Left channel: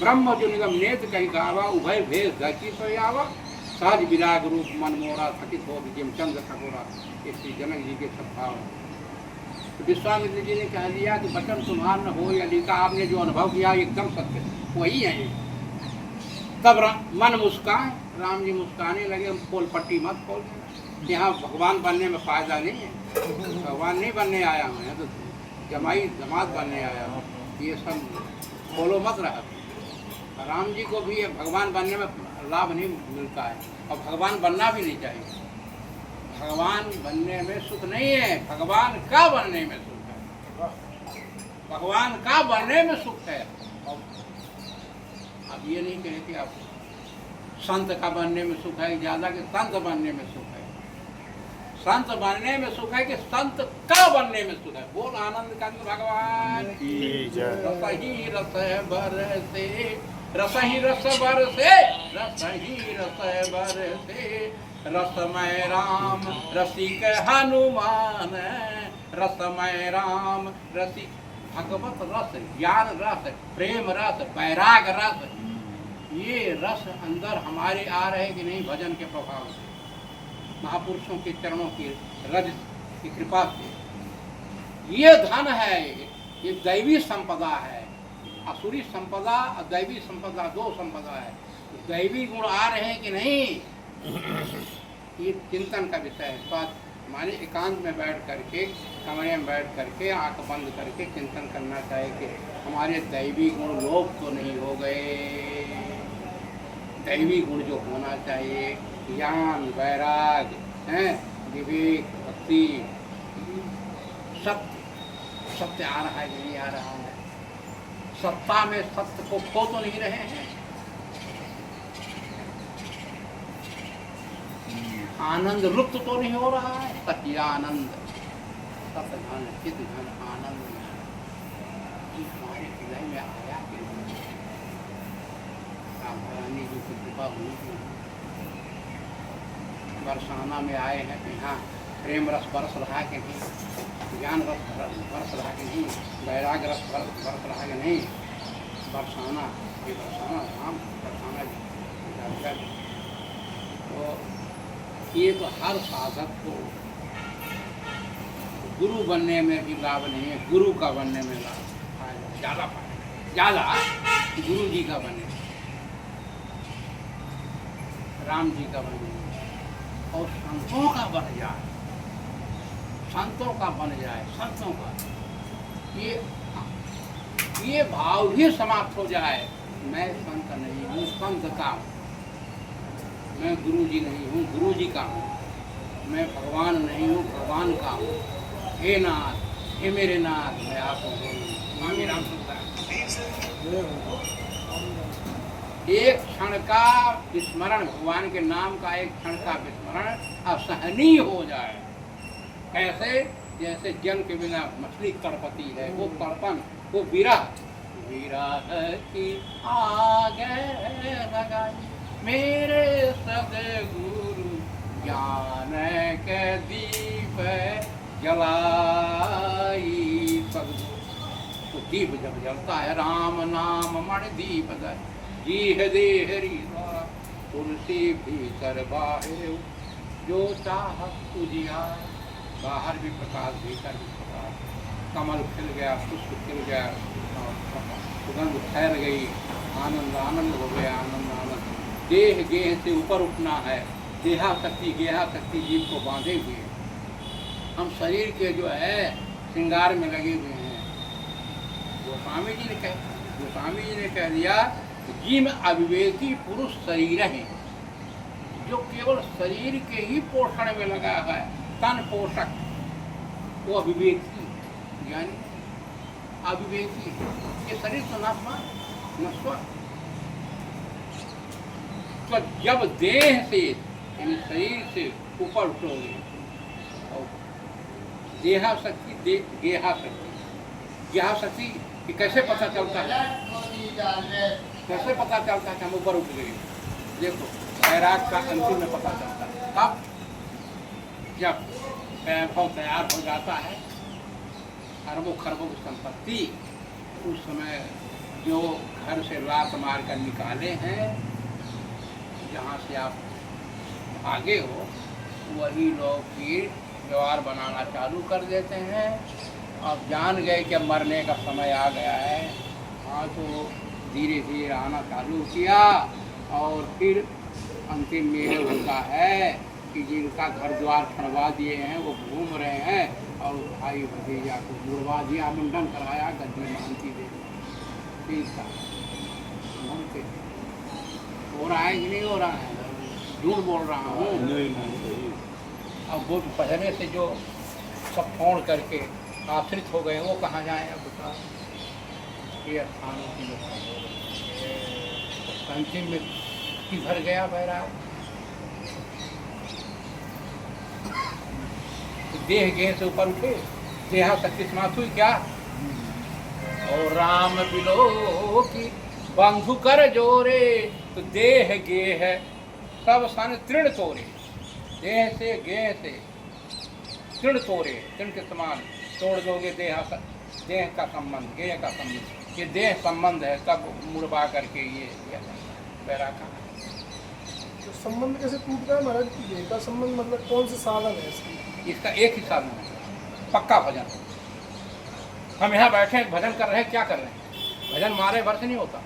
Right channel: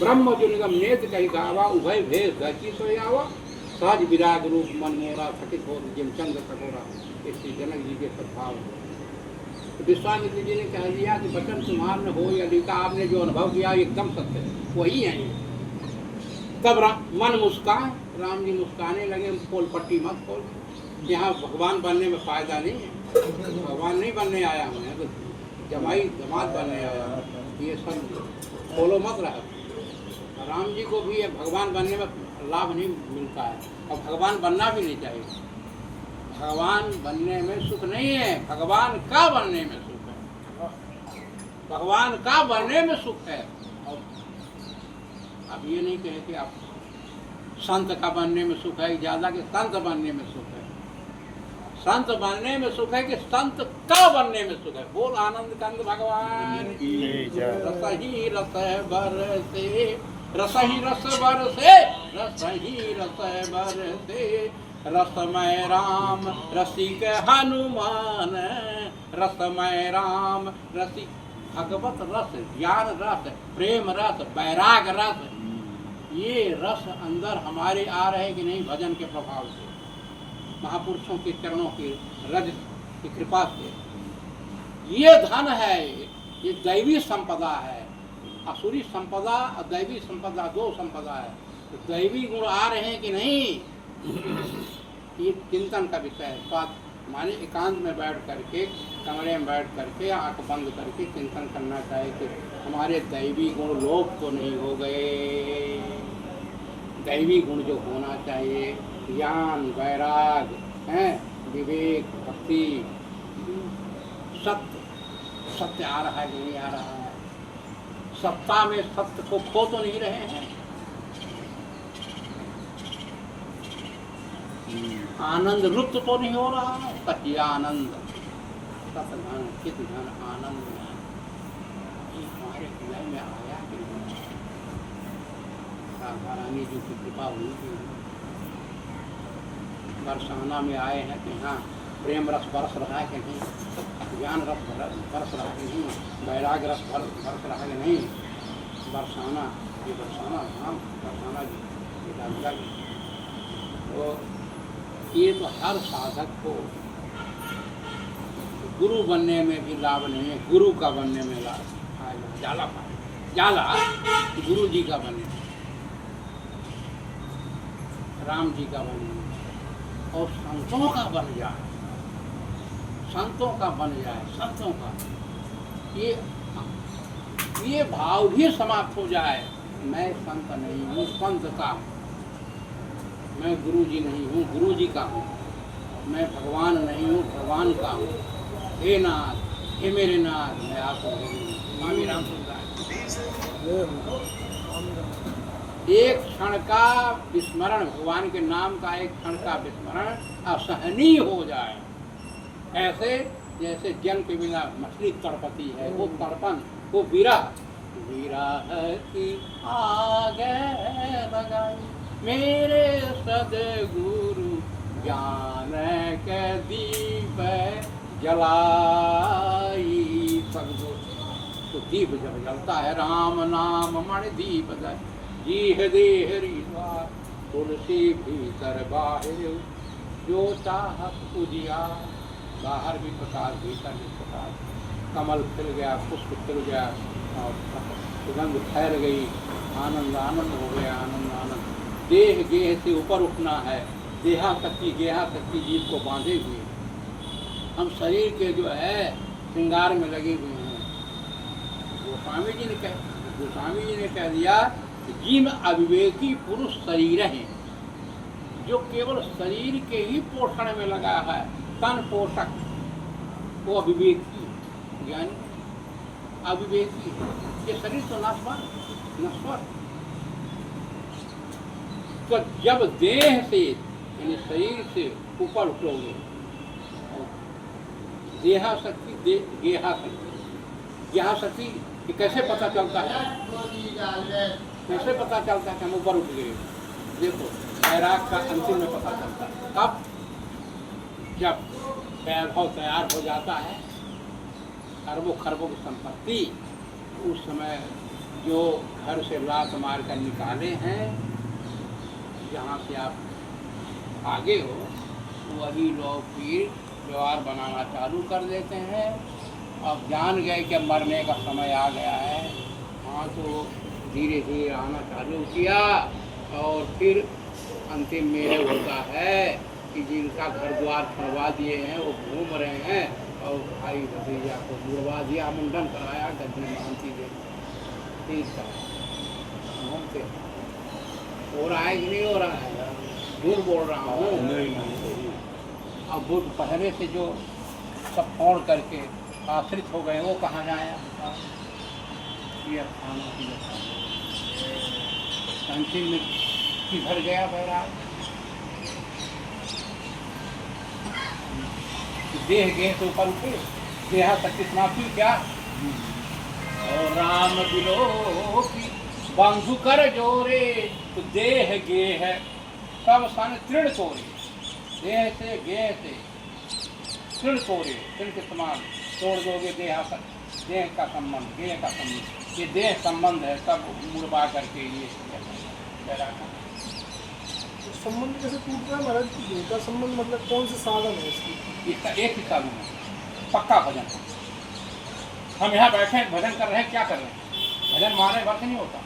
ब्रह्म जो निगम नेत कही गावा उभय भेद धरती तो आवा सहज विराग रूप मन मोरा थकित हो जिम चंद्र टकोरा। इसलिए जनक जी के सद्भाव तो विश्वामित्र जी ने कह दिया कि वचन तुम्हार न हो या लिखा, आपने जो अनुभव किया एकदम सत्य वही है ये। तब मन मुस्कान, राम जी मुस्काने लगे, खोल पट्टी मत खोल, यहाँ भगवान बनने में फायदा नहीं है, भगवान नहीं बनने आया हूँ, तो जमाई जमात बनने आया हूँ, ये सब खोलो मत रहा। राम जी को भी भगवान बनने में लाभ नहीं मिलता है और भगवान बनना भी नहीं चाहिए। भगवान बनने में सुख नहीं है, भगवान का बनने में सुख है, भगवान का बनने में सुख है। और अब ये नहीं कहे कि आप संत का बनने में सुख है ज्यादा कि संत बनने में सुख है। संत बनने में सुख है कि संत का बनने में सुख है। बोल आनंद कंद भगवान की रस ही रस बरसे, रस ही रस बरसे, रस ही रस बरसे, रसमय राम रसिक हनुमान, रसमय राम रसिक। भगवत रस, ज्ञान रस, प्रेम रस, वैराग रस, ये रस अंदर हमारे आ रहे कि नहीं भजन के प्रभाव से, महापुरुषों के चरणों की रज की कृपा से। ये धन है, ये दैवी संपदा है। असुरी संपदा और दैवी संपदा दो संपदा है। तो दैवी गुण आ रहे हैं कि नहीं, ये चिंतन का विषय है। तो हमारे एकांत में बैठ करके, कमरे में बैठ करके, आंख बंद करके चिंतन करना चाहिए कि हमारे दैवी गुण लोप तो नहीं हो गए। दैवी गुण जो होना चाहिए, ज्ञान, वैराग, विवेक, भक्ति, सत्य, सत्य आ रहा है कि नहीं आ रहा है। सत्ता में सत्य को खो तो नहीं रहे हैं। आनंद लुप्त तो नहीं हो रहा है। सत्य आनंद, सत्य धन, चित धन, आनंद ये हमारे हृदय में आया कि राधा रानी जी की कृपा हुई थी। बरसाना में आए हैं कि हाँ प्रेम रस बरस रहा है कि नहीं, ज्ञान रस बरस रहा है कि नहीं, वैराग रस बरस रहा है कि नहीं। बरसाना, ये बरसाना राम बरसाना जी राधिका जी। तो ये तो हर साधक को गुरु बनने में भी लाभ नहीं है, गुरु का बनने में लाभ आएगा। जाला पाए जाला गुरु जी का बने, राम जी का बने और संतों का बन जाए, संतों का बन जाए, संतों का ये भाव भी समाप्त हो जाए। मैं संत नहीं हूँ, संत का हूँ। मैं गुरु जी नहीं हूँ, गुरु जी का हूँ। मैं भगवान नहीं हूँ, भगवान का हूँ। हे नाथ, हे मेरे नाथ, मैं आपको स्वामी रामचंद्र। एक क्षण का विस्मरण, भगवान के नाम का एक क्षण का विस्मरण असहनीय हो जाए। ऐसे जैसे जल के बिना मछली तड़पती है, वो तड़पन, वो विरह, विरह की आगे लगाई मेरे सद्गुरु, ज्ञान के दीप जलाई। सद्गुरु तो दीप जब जलता है, राम नाम मणि दीप जीह देहरी तुलसी भीतर बाहर, जो चाह उजिया। बाहर भी प्रकाश, भीतर भी प्रकाश। कमल खिल गया, पुष्प खिल गया और सुगंध फैल गई, आनंद आनंद हो गया, आनंद आनंद। देह गेह से ऊपर उठना है, देहा शक्ति गेहा शक्ति जीव को बांधे हुए। हम शरीर के जो है श्रृंगार में लगे हुए हैं। गोस्वामी जी ने कह दिया कि जीव अविवेकी पुरुष शरीर है, जो केवल शरीर के ही पोषण में लगा है, तन पोषक, वो अविवेकी ज्ञानी अविवेकी। ये शरीर तो नश्वर। तो जब देह से यानी शरीर से ऊपर उठोगे और देहा शक्ति, गेहा शक्ति, गेहा शक्ति कि कैसे पता चलता है, कैसे पता चलता है कि हम ऊपर उठ गए। देखो वैराग का अंतिम में पता चलता है कब, जब वैभव तैयार हो जाता है, अरबों खरबों की संपत्ति, उस समय जो घर से लात मार कर निकाले हैं, जहाँ से आप आगे हो, वही लोग फिर व्यवहार बनाना चालू कर देते हैं। अब जान गए कि अब मरने का समय आ गया है, हाँ, तो धीरे धीरे आना चालू किया। और फिर अंतिम में ये होता है कि जिनका घर द्वार खड़वा दिए हैं वो घूम रहे हैं, और भाई भतीजा को मुड़वा दिया, मुंडन कराया, गद्दी मानती दे, ठीक था, घूमते हो रहा है कि नहीं हो रहा है? झूठ बोल रहा हूँ। अब बुद्ध पहले से जो सब छोड़ करके आश्रित हो गए, वो कहाँ जाए? अब बताओ, ये स्थानों की अंतिम में किधर गया बैराग? देह गेह से ऊपर उठे, देहा शक्ति समाप्त हुई क्या? और राम बिलो की बंधु कर जोरे, तो देह गेह सब सन तृण तोरे, देह से गेह से तृण तोरे, तृण के समान तोड़ दोगे देह का संबंध, गेह का संबंध, ये देह संबंध है, सब मुड़वा करके ये बैराग। तो संबंध कैसे टूटता है महाराज? गेह का संबंध मतलब कौन से साधन है इसकी? इसका एक ही साधन है, पक्का भजन। हम यहाँ बैठे भजन कर रहे हैं, क्या कर रहे हैं? भजन मारे भर से नहीं होता।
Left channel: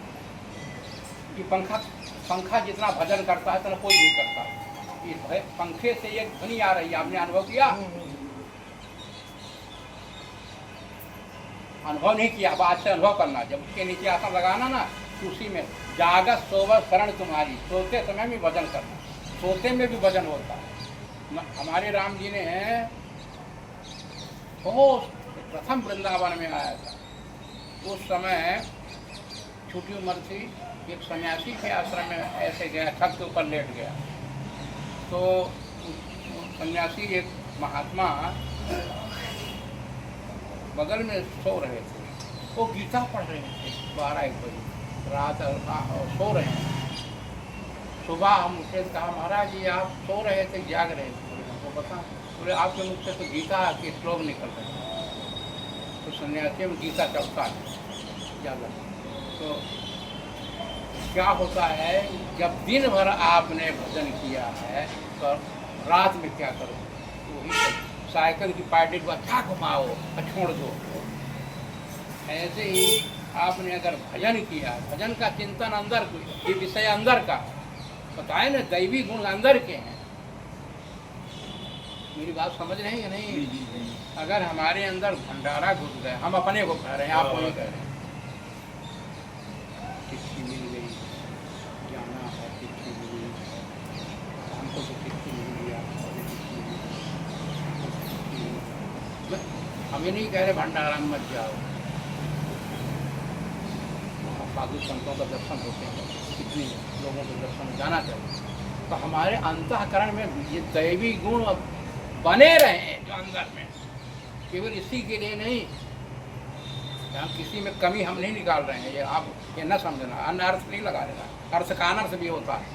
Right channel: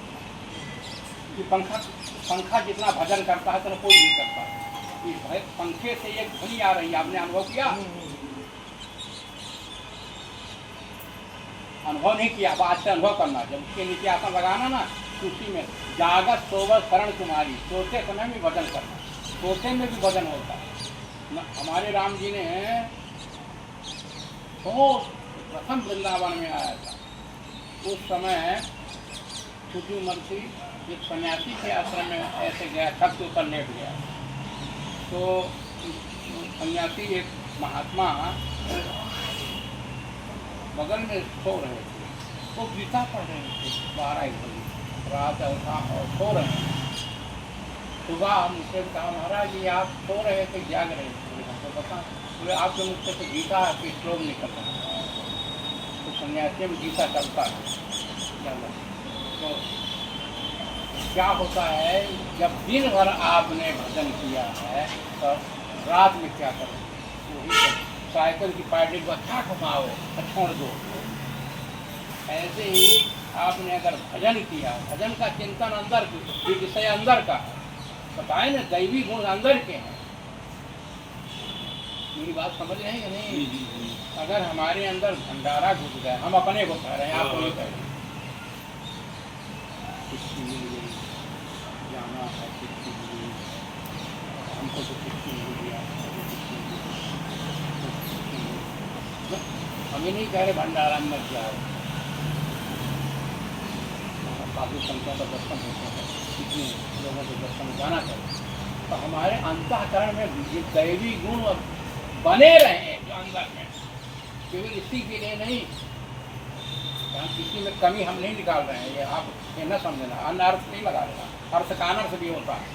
ये पंखा जितना भजन करता है तो कोई नहीं करता। ये पंखे से एक ध्वनि आ रही है, आपने अनुभव किया? अनुभव नहीं किया, बाद से अनुभव करना। जब उसके नीचे आसन लगाना ना, उसी में जागत सोवत शरण तुम्हारी, सोते समय में भजन करना, सोते में भी भजन होता है। हमारे राम जी ने बहुत प्रथम वृंदावन में आया था, उस समय छोटी उम्र थी, एक सन्यासी के आश्रम में ऐसे गया, छत के ऊपर लेट गया, तो सन्यासी एक महात्मा बगल में सो रहे थे, वो गीता पढ़ रहे थे 12-1 बजे रात, और सो रहे हैं। सुबह हम उससे कहा, महाराज जी आप सो रहे थे, जाग रहे थे? हमको बता, बोले आपके मुझसे तो गीता के श्लोक निकल रहे हैं। तो सन्यासी में गीता चलता है ज़्यादा। तो क्या होता है, जब दिन भर आपने भजन किया है तो रात में क्या करो? वही साइकिल की पार्टी को अच्छा घुमाओ, छोड़ दो। ऐसे ही आपने अगर भजन किया, भजन का चिंतन अंदर, विषय अंदर का है, बताए ना, दैवी गुण अंदर के हैं। मेरी बात समझ रहे हैं नहीं? अगर हमारे अंदर भंडारा घुस गए, हम अपने को कह रहे हैं, आप नहीं कह रहे हैं, किसी मिल गई, जाना है किसी मिली, हमको तो किसी मिल गया, हमें नहीं कह रहे भंडारा में मत जाओ। बाकी संतों का दर्शन होते हैं, कितने लोगों के दर्शन जाना चाहिए, तो हमारे अंतःकरण में ये दैवी गुण बने रहे हैं जो अंदर में, केवल इसी के लिए नहीं, यहाँ किसी में कमी हम नहीं निकाल रहे हैं, ये आप ये न समझना, अन्य अर्थ नहीं लगा रहे हैं, अर्थ का अनर्थ भी होता है।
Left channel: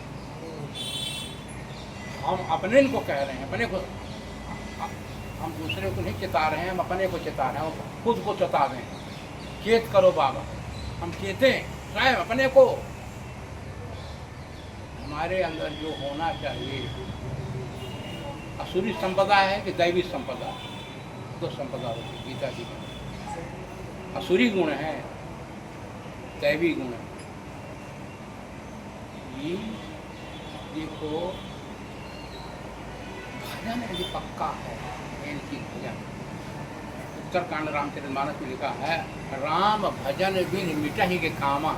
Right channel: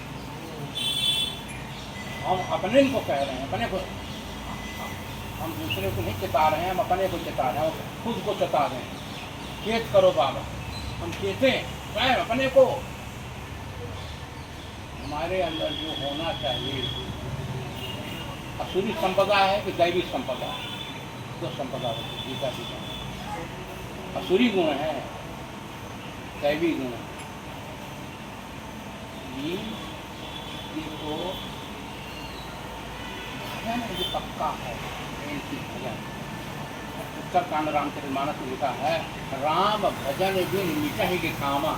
हम अपने को कह रहे हैं, अपने को, हम दूसरे को नहीं चिता रहे हैं, हम अपने को चिता रहे हैं, खुद को चिता रहे हैं। चेत करो बाबा, हम चेतें स्वयं अपने को। हमारे अंदर जो होना चाहिए, असुरी संपदा है कि दैवी संपदा? तो संपदा होती है, गीता की असुरी गुण है, दैवी गुण है। ये देखो, भजन यदि पक्का है, इनकी भजन उत्तरकांड रामचरितमानस में लिखा है, राम भजन बिन मिटहि के कामा।